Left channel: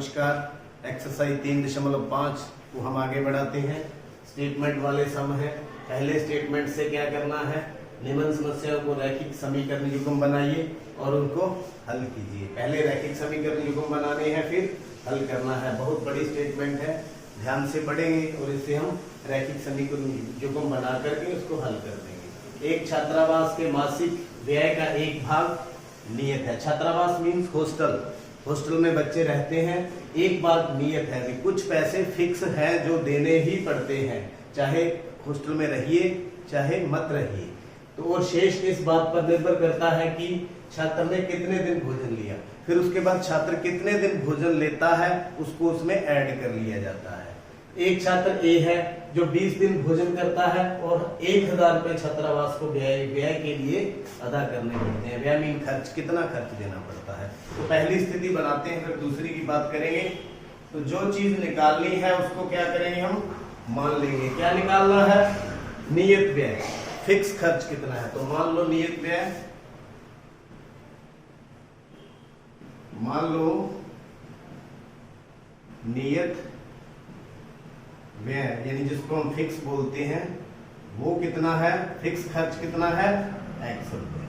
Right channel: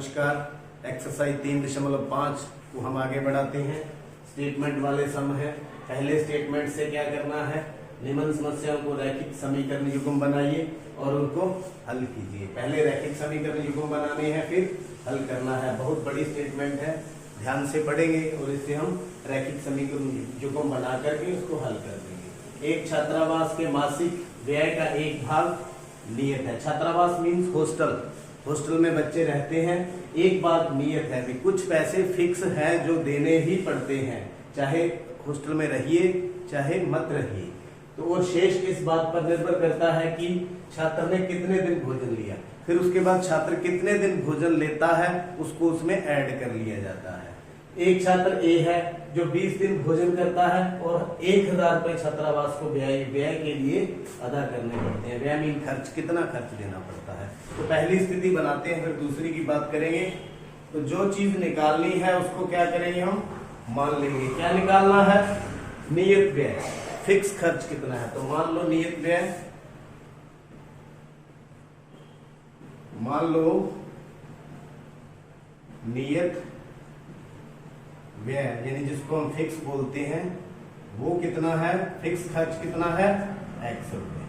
नमस्कार। एक्सरसाइज 3.5 को हम आगे बढ़ाते हैं। स्टेटमेंट वाले सम है। पहले स्टेटमेंट से क्या करना है, निम्न समस्याओं को रैखिक समीकरण युग्म बनाइए और उनको हल कीजिए। पहले रैखिक समीकरण युग्म बनाने हैं, फिर हल करना है। बहुत बड़ी स्टेटमेंट है, ध्यान से पढ़ेंगे और इससे हम रैखिक समीकरण युग्म बना करके उसको हल कर देंगे। एक छात्रावास के मासिक व्यय का एक भाग नियत है। छात्रावास मीन्स हॉस्टल, हॉस्टल में बच्चे रहते हैं। एक बात नियत है कि कुछ पैसे फिक्स हैं जो देने ही पड़ते हैं, चाहे हॉस्टल में रहिए चाहे मत रहिए। तो और शेष इस बात पर निर्भर करता है कि छात्र ने कितने दिन भोजन लिया, फिर उसके बाद छात्र कितने दिन भोजन लेता है उसको उसमें ऐड कर लिया जाता है। एक छात्र ए है जो 20 दिन भोजन करता है और 1000 रुपए छात्रावास को व्यय के लिए अदा करने पड़ते हैं। व्यय मीन खर्च, कितना खर्च देना पड़ता है। तो पहली स्थिति बनाते हैं, फिर दूसरी की बात करेंगे। तो जो चीज निकालनी है उसको क्या करेंगे, हम मान लेंगे। क्या निकालना है, नियत व्यय, फिक्स खर्च कितना है। तो मान लो नियत व्यय, मान लो नियत व्यय यानी जिसको हम फिक्स बोलते हैं वो कितना है, फिक्स खर्च कितना है, x रुपए।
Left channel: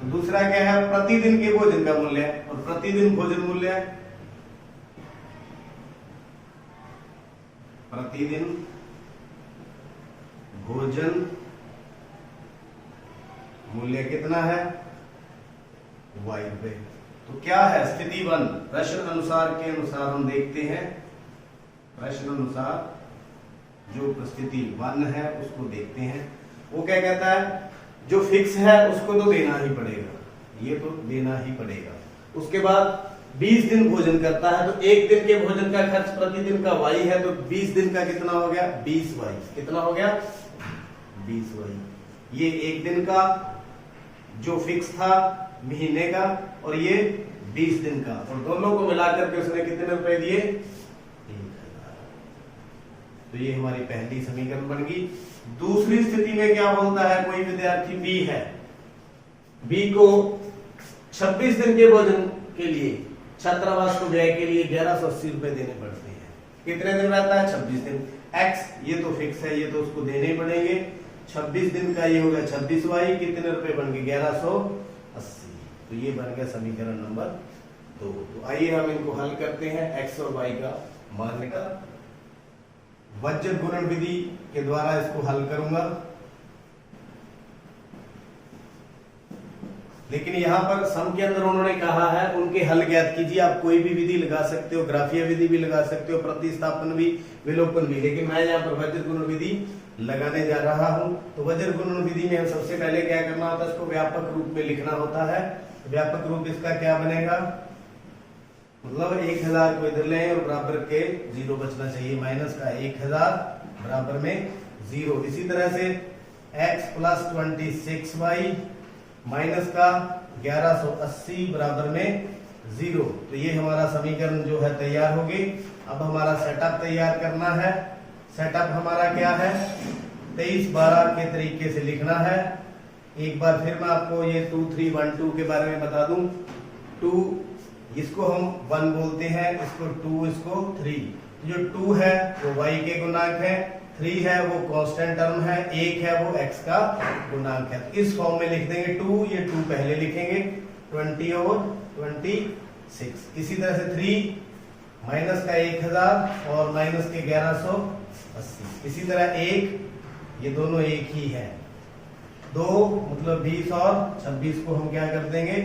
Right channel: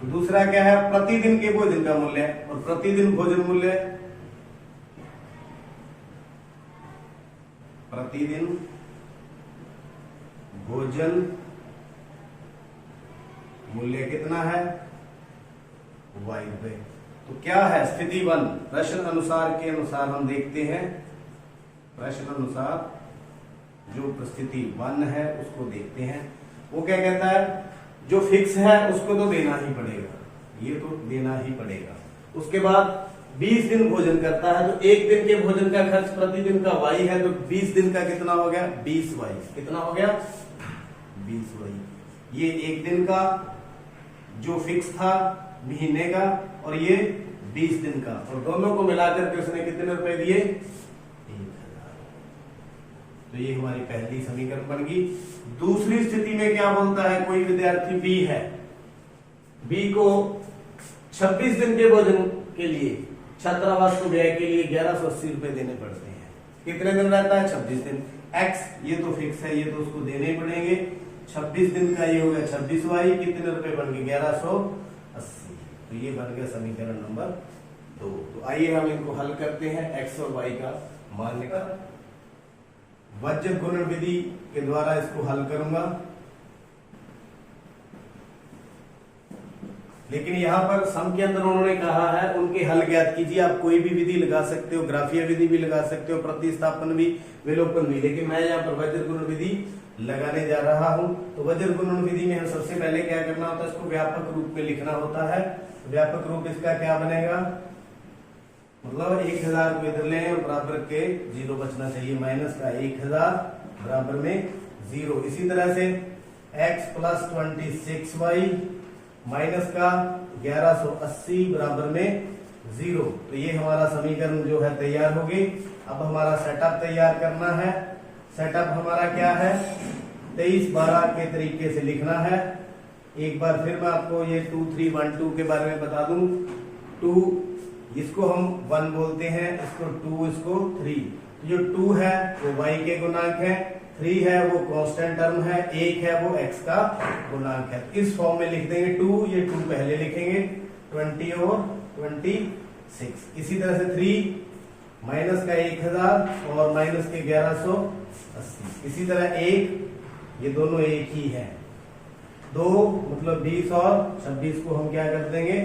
तो दूसरा क्या है, प्रतिदिन के भोजन का मूल्य। और प्रतिदिन भोजन मूल्य, प्रतिदिन भोजन मूल्य कितना है, y रुपए। तो क्या है स्थिति 1, प्रश्न अनुसार के अनुसार हम देखते हैं। प्रश्न अनुसार जो स्थिति 1 है उसको देखते हैं। वो क्या कहता है, जो फिक्स है उसको तो देना ही पड़ेगा, ये तो देना ही पड़ेगा। उसके बाद 20 दिन भोजन करता है तो एक दिन के भोजन का खर्च प्रतिदिन का y है, तो 20 दिन का कितना हो गया, 20y। कितना हो गया, 20y। ये एक दिन का जो फिक्स था महीने का, और ये 20 दिन का, और दोनों को मिलाकर के उसने कितने रुपए दिए, 1000। तो ये हमारी पहली समीकरण बन गई। दूसरी स्थिति में क्या बोलता है, कोई विद्यार्थी बी है, बी को 26 दिन के भोजन के लिए छात्रावास को व्यय के लिए 1180 रुपए देने पड़ते हैं। कितने दिन रहता है, 26 दिन। x ये तो फिक्स है, ये तो उसको देने ही पड़ेंगे। 26 दिन का ये हो गया 26y, कितने रुपए बन गए, 1180। तो ये बन गया समीकरण नंबर 2। तो आइए हम इनको हल करते हैं। x और y का मान निकाल, वज्र गुणन विधि के द्वारा इसको हल करूंगा। लेकिन यहां पर सम के अंदर उन्होंने कहा है उनके हल ज्ञात कीजिए। आप कोई भी विधि लगा सकते हो, ग्राफीय विधि भी लगा सकते हो, प्रतिस्थापन भी, विलोपन भी, लेकिन मैं यहाँ पर वज्र गुणन विधि लगाने जा रहा हूं। तो वज्र गुणन विधि में हम सबसे पहले क्या करना होता है, इसको व्यापक रूप में लिखना होता है। व्यापक रूप इसका क्या बनेगा, मतलब 1000 को इधर लें और बराबर के 0 बचना चाहिए, माइनस का 1000 बराबर में 0। इसी तरह से x प्लस 26y माइनस का 1180 बराबर में 0। तो ये हमारा समीकरण जो है तैयार हो गई। अब हमारा सेटअप तैयार करना है। सेटअप हमारा क्या है, 23-12 के तरीके से लिखना है। एक बार फिर मैं आपको ये 2 3 1 2 के बारे में बता दूं। 2 इसको हम 1 बोलते हैं, इसको 2, इसको 3। जो 2 है वो y के गुणांक है, 3 है वो कांस्टेंट टर्म है, 1 है वो x का गुणांक है। इस फॉर्म में लिख देंगे 2, ये 2 पहले लिखेंगे, 20 और 26। इसी तरह से 3 माइनस का 1000 और माइनस के 1180। इसी तरह 1, ये दोनों एक ही है। 2 मतलब 20 और 26 को हम क्या कर देंगे,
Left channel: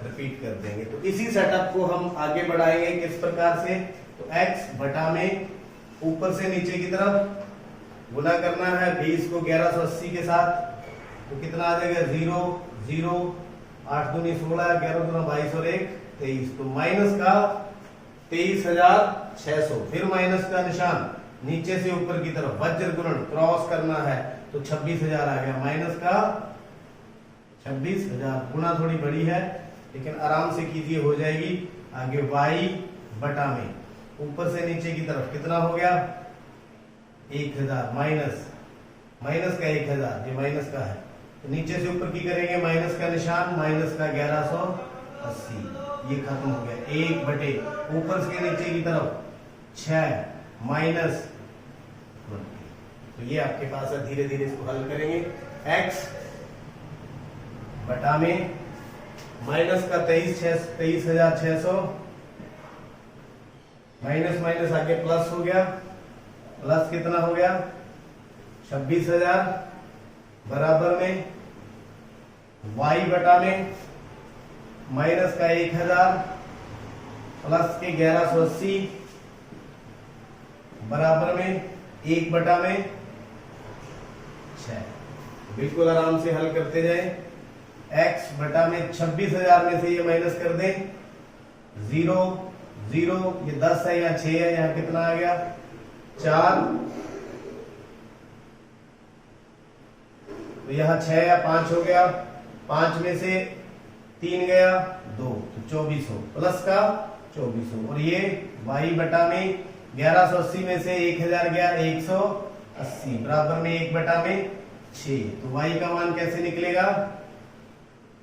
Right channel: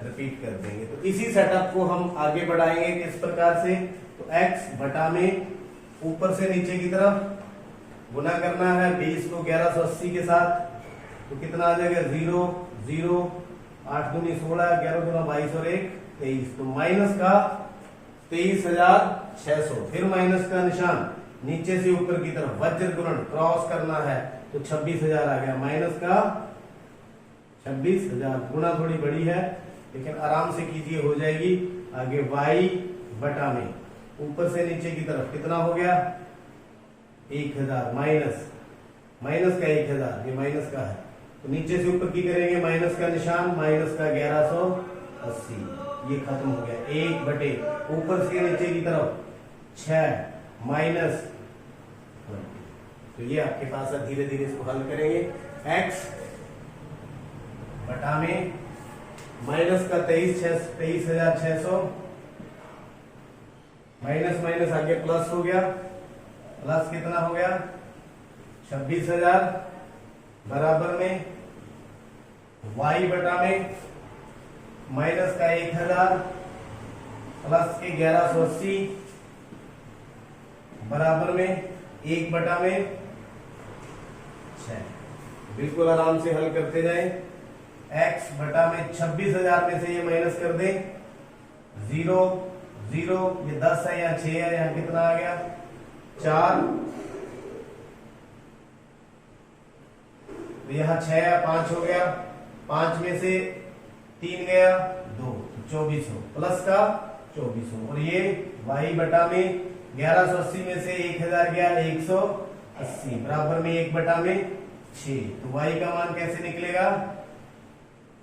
रिपीट कर देंगे। तो इसी सेटअप को हम आगे बढ़ाएंगे किस प्रकार से, तो x बटा में ऊपर से नीचे की तरफ गुना करना है 20 को 1180 के साथ। तो कितना आ जाएगा, 0 0 8 दूनी 16, 11 दूना 22 और 1 23। तो माइनस का 23,600, फिर माइनस का निशान नीचे से ऊपर की तरफ, वज्र गुणन क्रॉस करना है, तो 26,000 आ गया। माइनस का 26,000, गुणा थोड़ी बड़ी है लेकिन आराम से कीजिए, हो जाएगी। आगे y बटा में ऊपर से नीचे की तरफ कितना हो गया, 1000 माइनस का 1000, ये माइनस का है, तो नीचे से ऊपर की करेंगे माइनस का निशान, माइनस का 80, ये खत्म हो गया। 1/, ऊपर से नीचे की तरफ 6 माइनस 20। तो ये आपके पास है, धीरे धीरे इसको हल करेंगे। x बटा में माइनस का 23,600 माइनस माइनस आगे प्लस हो गया, प्लस कितना हो गया 26,000 बराबर में y बटा में माइनस का 1,000 प्लस के 1180 बराबर में 1 बटा में 6। बिल्कुल आराम से हल करते जाए। x बटा में 26,000 में से ये माइनस कर दे, 0 0, ये 10 है, यहाँ 6 है, यहाँ कितना आ गया 4, तो यहाँ 6 है, 5 हो गया, 5 में से 3 गया 2, तो 2400 प्लस का 2400। और ये y बटा में 1180 में से 1000 गया 180 बराबर में 1 बटा में 6। तो y का मान कैसे निकलेगा,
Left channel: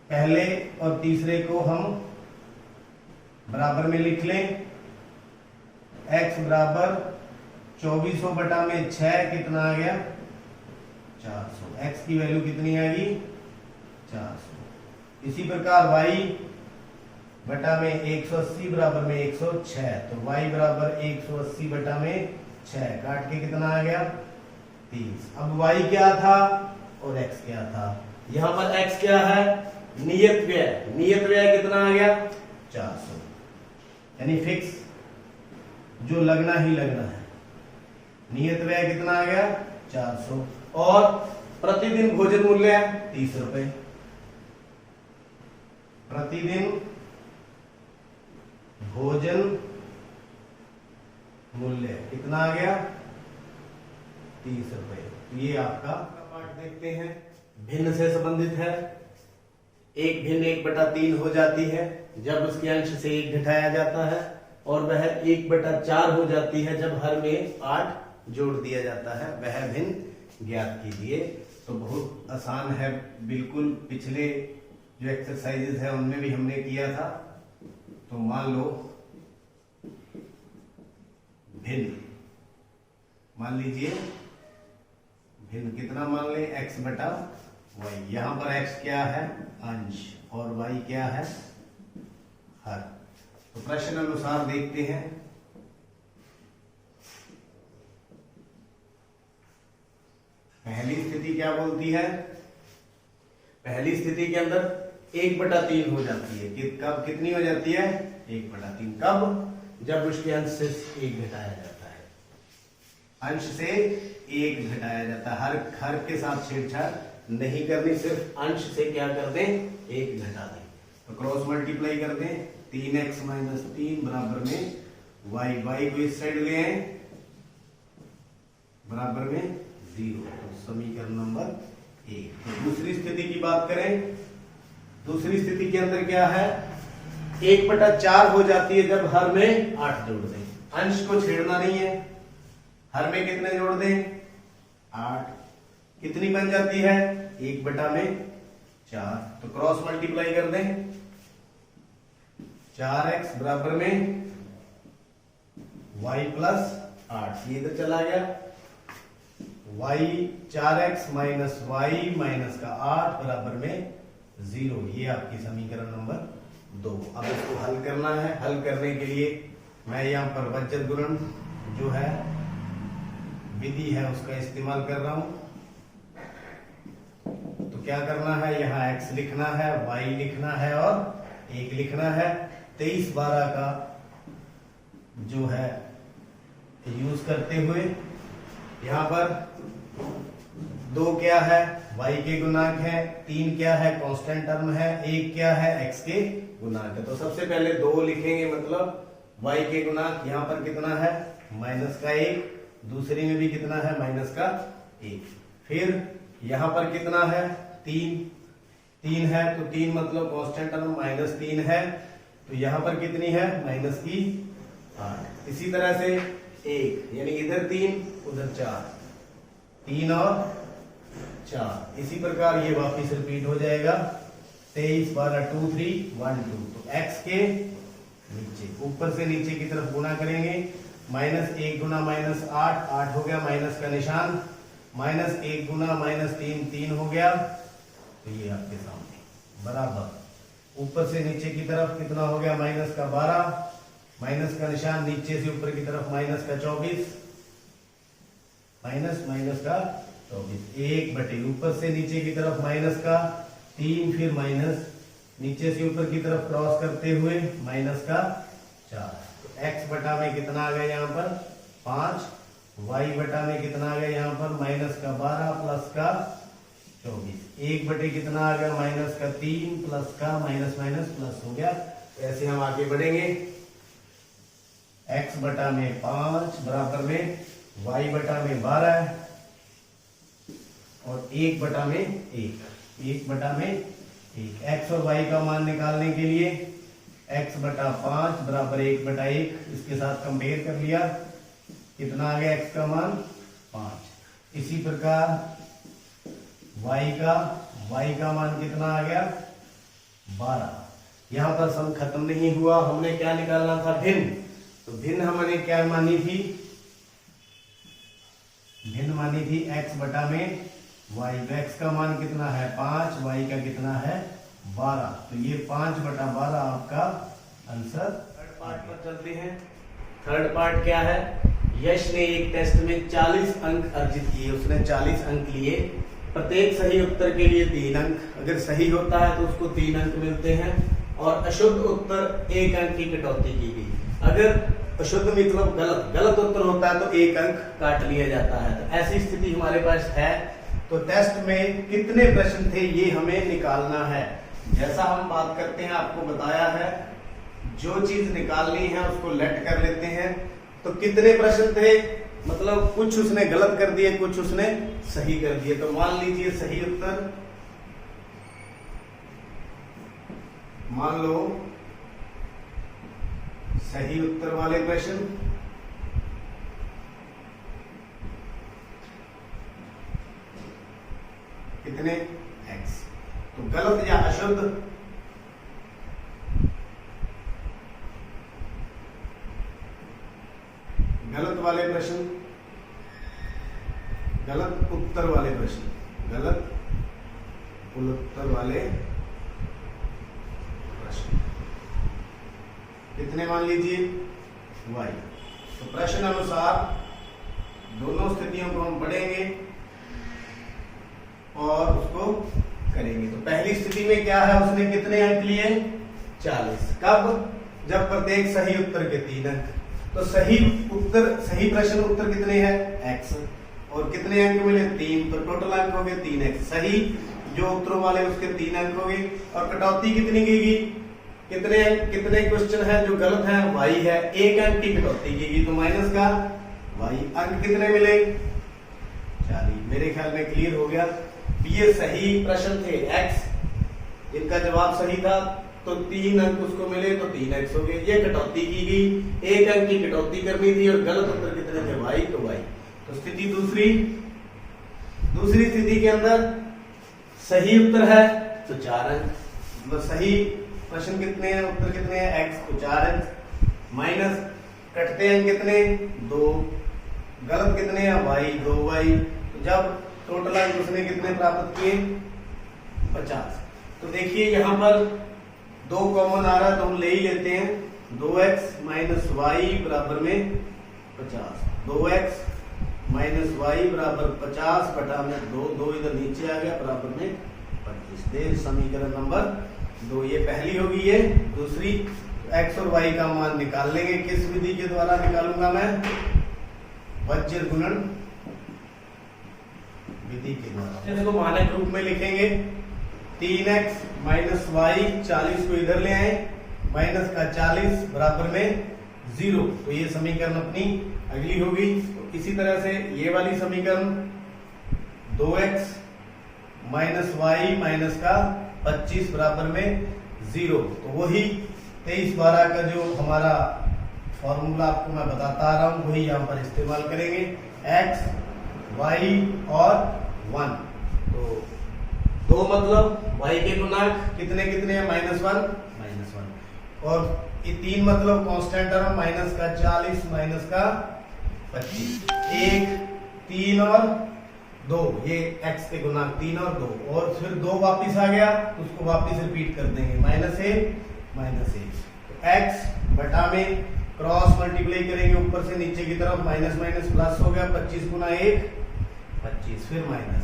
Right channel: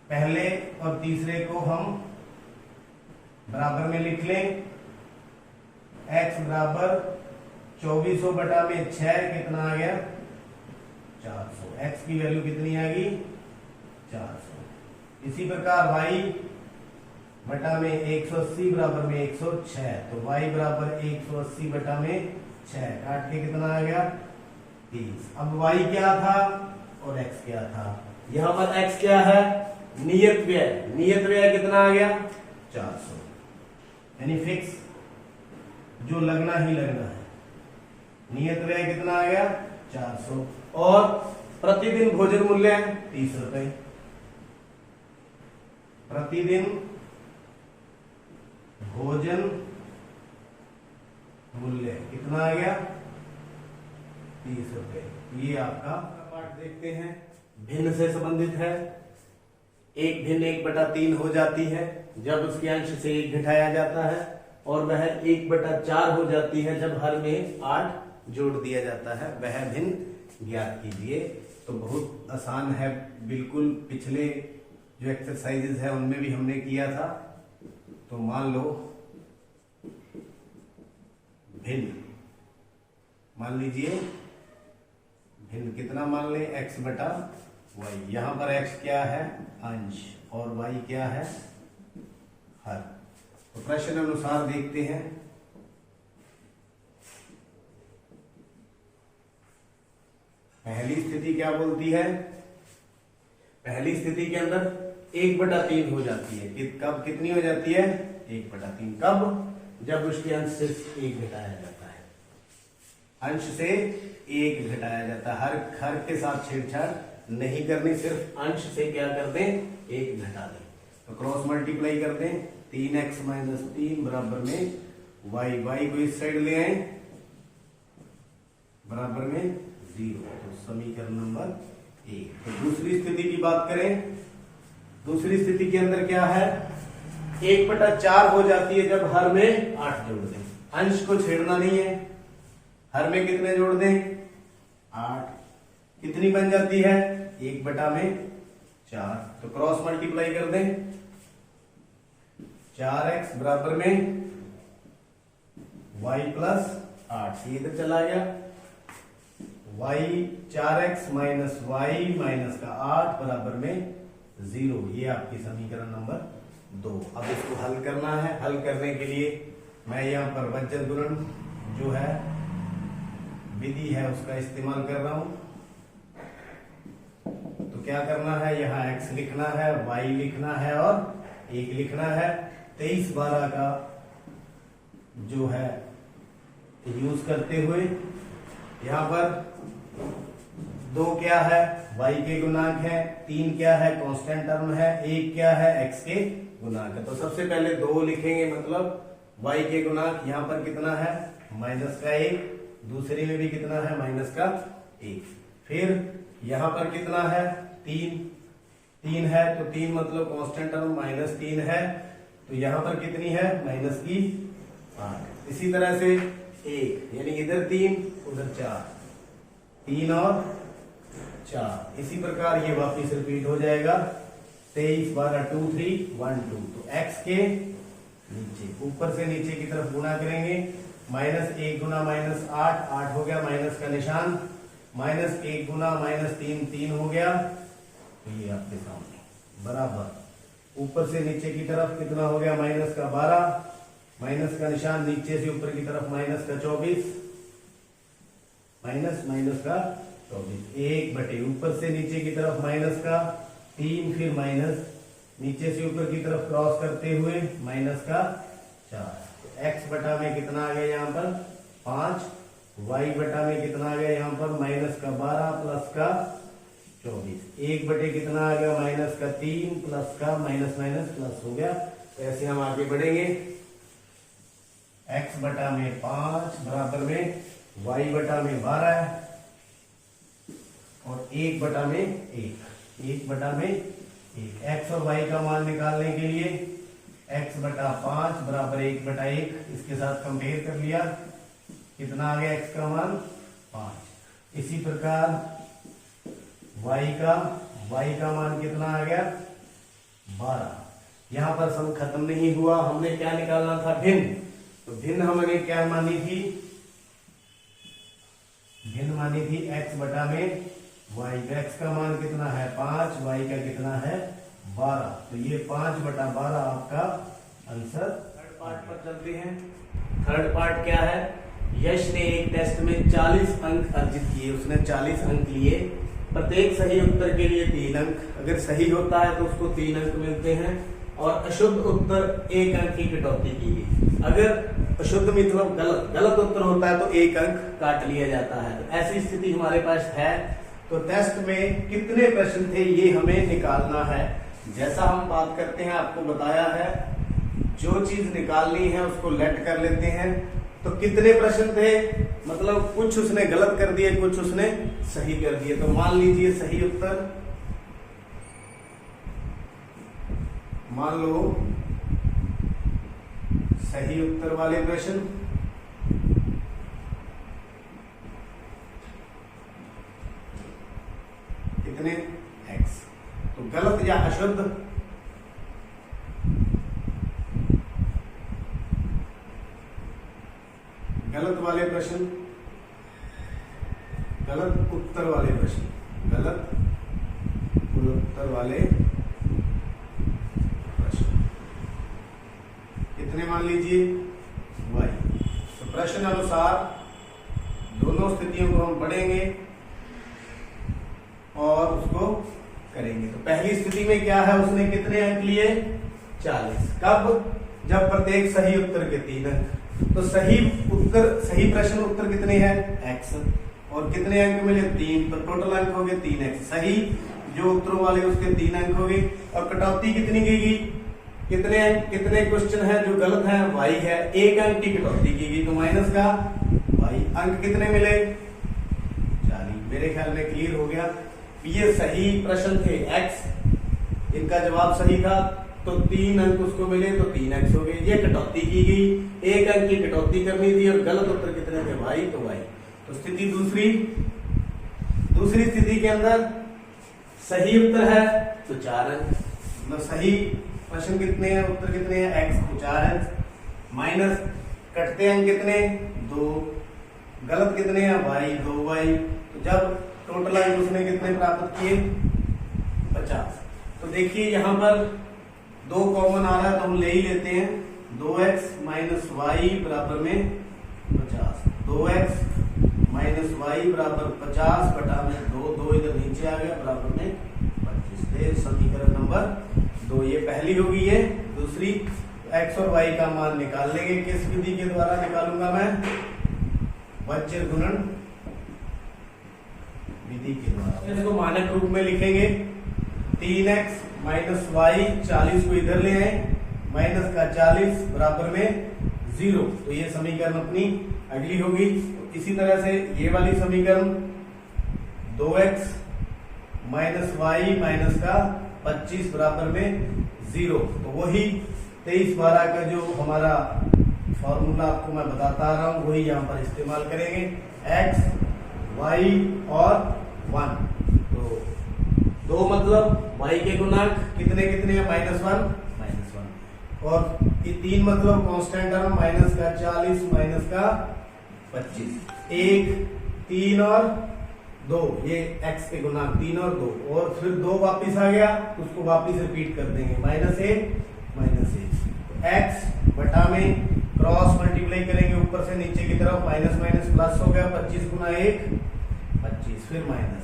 पहले और तीसरे को हम बराबर में लिख लें। x बराबर 2400 बटा में 6 कितना आ गया 400। x की वैल्यू कितनी आएगी 400। इसी प्रकार y बटा में 180 बराबर में 106, तो y बराबर 180 बटा में 6 काट के कितना आ गया 30। अब y क्या था और x क्या था, यहां पर x क्या है नियत व्यय, नियत व्यय कितना आ गया 400, यानी फिक्स जो लगना ही लगना है। नियत व्यय कितना आ गया 400 और प्रतिदिन भोजन मूल्य 30 रुपए। प्रतिदिन भोजन मूल्य कितना आ गया 30 रुपए। ये आपका पाठ देखते हैं, भिन्न से संबंधित है। एक भिन्न 1/3 हो जाती है जब उसके अंश से 1 घटाया जाता है, और वह 1/4 हो जाती है जब हर में 8 जोड़ दिया जाता है। वह भिन्न ज्ञात कीजिए। तो बहुत आसान है, बिल्कुल पिछले जो एक्सरसाइजेस है उनमें भी हमने किया था। तो मान लो भिन्न, मान लीजिए भिन्न कितना मान ले x बटा y। यहां पर x क्या है अंश और y क्या है हर। तो प्रश्न अनुसार देखते हैं। पहली स्थिति क्या बोलती है, पहली स्थिति के अंदर 1/3 हो जाती है। कब कितनी हो जाती है 1/3, कब जब उसके अंश से 1 घटाया जाता है, अंश से 1 घटाया जाता है। हर के साथ छेड़छाड़ नहीं करनी, सिर्फ अंश से क्या कर दें 1 घटा दें। तो क्रॉस मल्टीप्लाई कर दें, 3x - 3 बराबर में y को इस साइड ले आए बराबर में 0। तो समीकरण नंबर 1। तो दूसरी स्थिति की बात करें, दूसरी स्थिति के अंदर क्या है 1/4 हो जाती है जब हर में 8 जोड़ दें। अंश को छेड़ना नहीं है, हर में कितने जोड़ दें 8, कितनी बन जाती है 1/4। तो क्रॉस मल्टीप्लाई कर दें, 4x बराबर में y प्लस 8, ये इधर चला गया, y 4x minus y minus का 8 बराबर में 0। ये आपकी समीकरण नंबर 2। अब इसको हल करना है। हल करने के लिए मैं यहाँ पर वज्र गुणन जो है विधि है उसका इस्तेमाल कर रहा हूं। तो क्या करना है, यहाँ x लिखना है, y लिखना है और 1 लिखना है। 23/12 का जो है यूज करते हुए यहाँ पर 2 क्या है y के गुणांक है, 3 क्या है कांस्टेंट टर्म है, 1 क्या है x के गुणांक है। तो सबसे पहले 2 लिखेंगे, मतलब y के गुणांक यहाँ पर कितना है -1, दूसरे में भी कितना है -1। फिर यहाँ पर कितना है 3 है, तो 3 मतलब कांस्टेंट टर्म -3 है, तो यहाँ पर कितनी है -8। इसी तरह से 1, यानी इधर 3 उधर 4, 3 और 4। इसी प्रकार ये वापिस रिपीट हो जाएगा। 23 12 2 3 1 2, तो x के नीचे, ऊपर से नीचे की तरफ गुना करेंगे, -1 गुना -8 8 हो गया, माइनस का निशान, -1 गुना -3 3 हो गया, तो ये आपके सामने बराबर ऊपर से नीचे की तरफ कितना हो गया, माइनस का 12, माइनस का निशान, नीचे से ऊपर की तरफ माइनस का 24, माइनस का 24, 1 बटे ऊपर से नीचे की तरफ माइनस का 3, फिर माइनस नीचे से ऊपर की तरफ क्रॉस करते हुए माइनस का 4, तो x बटा में कितना आ गया यहाँ पर 5, y बटा में कितना आ गया यहाँ पर माइनस का 12 प्लस का 24, 1 बटे कितना आ गया माइनस का 3 प्लस का माइनस प्लस हो गया। ऐसे हम आगे बढ़ेंगे, x बटा में 5 बराबर में y बटा में 12 और 1 बटा में 1 बटा में 1, x और y का मान निकालने के लिए x बटा 5 बराबर 1 बटा 1, इसके साथ कंपेयर कर लिया, कितना आ गया x का मान 5। इसी प्रकार y का मान कितना आ गया 12। यहां पर सम खत्म नहीं हुआ, हमने क्या निकालना था भिन्न, तो भिन्न हमने क्या मानी थी, भिन्न मानी थी x बटा में y, x का मान कितना है 5, y का कितना है 12, तो ये 5 बटा 12 आपका आंसर। थर्ड पार्ट पर चलते हैं। थर्ड पार्ट क्या है, यश ने एक टेस्ट में 40 अंक अर्जित किए, उसने 40 अंक लिए, प्रत्येक सही उत्तर के लिए 3 अंक, अगर सही होता है तो उसको 3 अंक मिलते हैं, और अशुद्ध उत्तर 1 अंक की कटौती की गई, अगर अशुद्ध मतलब गलत उत्तर होता है तो 1 अंक काट लिया जाता है। तो ऐसी स्थिति हमारे पास है, तो टेस्ट में कितने प्रश्न थे ये हमें निकालना है। जैसा हम बात करते हैं, आपको बताया है, जो चीज निकालनी है उसको लेट कर लेते हैं। तो कितने प्रश्न थे, मतलब कुछ उसने गलत कर दिए, कुछ उसने सही कर दिए। तो मान लीजिए सही उत्तर, मान लो सही उत्तर वाले प्रश्न कितने x, तो गलत या अशुद्ध, गलत वाले प्रश्न, गलत उत्तर वाले प्रश्न, गलत उत्तर वाले प्रश्न कितने मान लीजिए y। तो प्रश्न अनुसार दोनों स्थितियों को हम पढ़ेंगे और उसको करेंगे। तो पहली स्थिति में क्या है, उसने कितने अंक लिए 40, कब, जब प्रत्येक सही उत्तर के 3 अंक, तो सही प्रश्न उत्तर कितने हैं x, और कितने अंक मिले 3, तो टोटल अंक हो गए 3x, सही जो उत्तरों वाले उसके 3 अंक हो गए, और कटौती कितनी की गई, कितने क्वेश्चन है जो गलत है y है, 1 अंक की कटौती की गई, तो माइनस का y, अंक कितने मिले 40। मेरे ख्याल में क्लियर हो गया। ये सही प्रश्न थे x, इनका जवाब सही था, तो 3 अंक उसको मिले, तो 3x हो गए। ये कटौती की गई, 1 अंक की कटौती करनी थी, और गलत उत्तर कितने थे y, तो y। तो स्थिति दूसरी स्थिति के अंदर सही उत्तर है तो 4 अंक, मतलब सही प्रश्न कितने हैं, उत्तर कितने हैं x, तो 4 अंक, माइनस कटते अंक कितने 2, गलत कितने हैं y, 2y, तो जब टोटल अंक उसने कितने प्राप्त किए 50। तो देखिए यहाँ पर 2 कॉमन आ रहा है, तो हम ले ही लेते हैं, 2x माइनस वाई बराबर में 50, 2x माइनस वाई बराबर 50 बटा में 2 इधर नीचे आ गया, बराबर में 25। समीकरण नंबर 2 ये पहली होगी। ये दूसरी, x और y का मान निकाल लेंगे, किस विधि के द्वारा निकालूंगा मैं, वज्र गुणन विधि के द्वारा। इसको मानक रूप में लिखेंगे, 3x माइनस वाई, 40 को इधर ले आए, माइनस का 40 बराबर में 0, तो ये समीकरण अपनी अगली होगी। तो इसी तरह से ये वाली समीकरण 2x माइनस वाई माइनस का 25 बराबर में 0, तो वही 23/12 का जो हमारा फॉर्मूला आपको मैं बताता आ रहा हूं, वही यहां पर इस्तेमाल करेंगे, x y और 1। तो 2 मतलब y के गुणांक कितने कितने हैं, -1 और ये 3 मतलब कांस्टेंट टर्म माइनस का 40 माइनस का 25, 1 3 और 2, ये x के गुणांक 3 और 2, और फिर 2 वापिस आ गया तो उसको वापिस रिपीट कर देंगे, -1 x बटा में क्रॉस मल्टीप्लाई करेंगे ऊपर से नीचे की तरफ, माइनस माइनस प्लस हो गया, 25 गुना 1 25, फिर माइनस,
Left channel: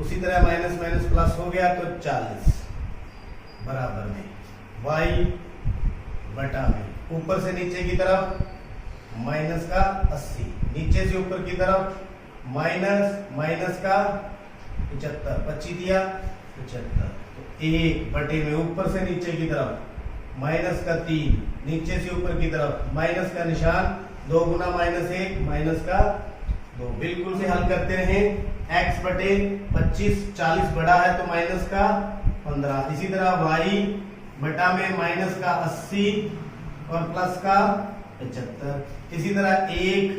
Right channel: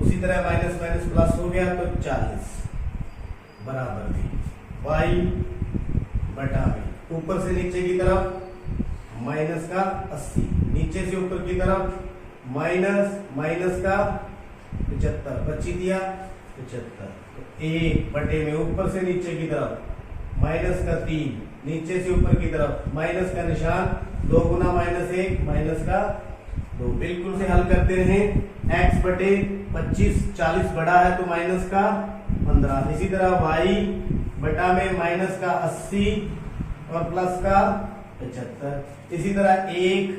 उसी तरह माइनस माइनस प्लस हो गया तो 40 बराबर में y बटा में ऊपर से नीचे की तरफ माइनस का 80, नीचे से ऊपर की तरफ माइनस का 75, 25 दिया 75, तो 1 बटे में ऊपर से नीचे की तरफ माइनस का 3, नीचे से ऊपर की तरफ माइनस का निशान, 2 गुना -1 माइनस का 2, बिल्कुल से हल करते रहें। x बटे 25 40 बड़ा है तो माइनस का 15, इसी तरह y बटा में माइनस का 80 और प्लस का 75, इसी तरह 1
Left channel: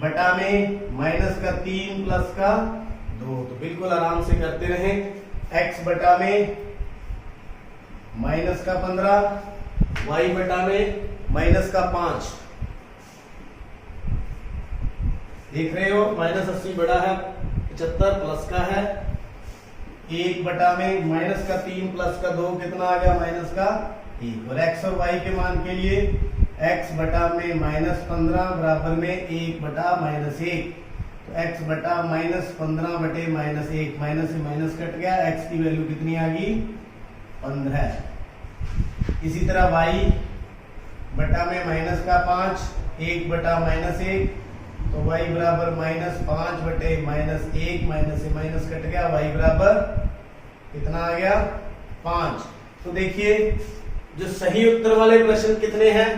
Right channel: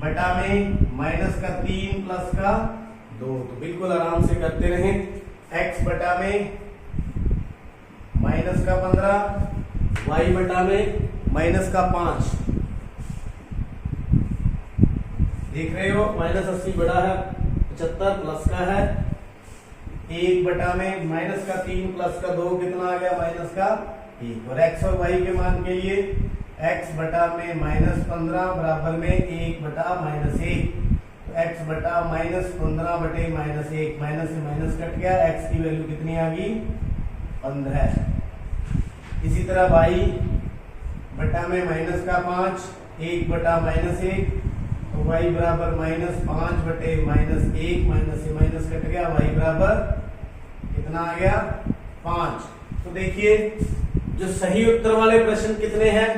बटा में माइनस का 3 प्लस का 2, तो बिल्कुल आराम से करते रहें। x बटा में माइनस का 15, y बटा में माइनस का 5, देख रहे हो -80 बड़ा है 75 प्लस का है, 1 बटा में माइनस का 3 प्लस का 2 कितना आ गया, माइनस का 1, और x और y के मान के लिए x बटा में -15 बराबर में 1 बटा -1, तो x बटा -15 बटे -1, माइनस से माइनस कट गया, x की वैल्यू कितनी आ गई 15। इसी तरह y बटा में माइनस का 5, 1 बटा -1, तो y बराबर -5 बटे -1, माइनस से माइनस कट गया, y बराबर कितना आ गया 5। तो देखिए जो सही उत्तर वाले प्रश्न कितने हैं,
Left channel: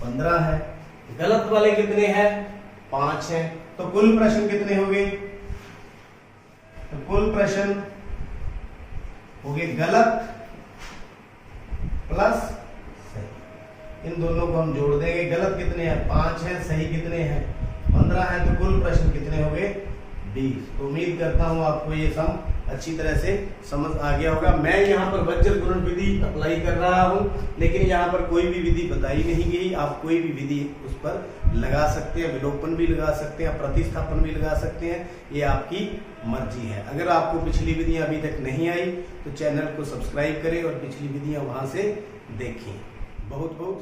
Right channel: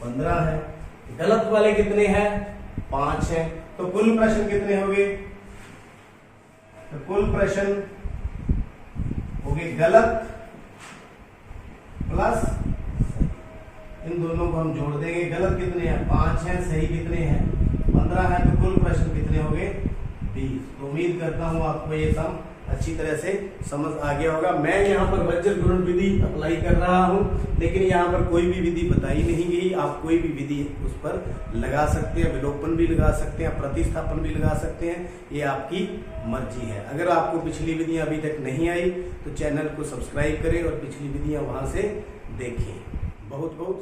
15 है, गलत वाले कितने हैं, 5 हैं, तो कुल प्रश्न कितने होंगे, तो कुल प्रश्न होंगे गलत प्लस सही, इन दोनों को हम जोड़ देंगे, गलत कितने हैं 5 हैं, सही कितने हैं 15 हैं, तो कुल प्रश्न कितने होंगे 20। तो उम्मीद करता हूं आपको ये सम अच्छी तरह से समझ आ गया होगा। मैं यहाँ पर वज्र गुणन विधि अप्लाई कर रहा हूँ, लेकिन यहाँ पर कोई भी विधि बताई नहीं गई, आप कोई भी विधि उस पर लगा सकते हैं, विलोपन भी लगा सकते हैं, प्रतिस्थापन भी लगा सकते हैं, ये आपकी मर्जी है। अगर आपको पिछली विधियां अभी तक नहीं आई तो चैनल को सब्सक्राइब करें और पिछली विधियां वहां से देखें। बहुत बहुत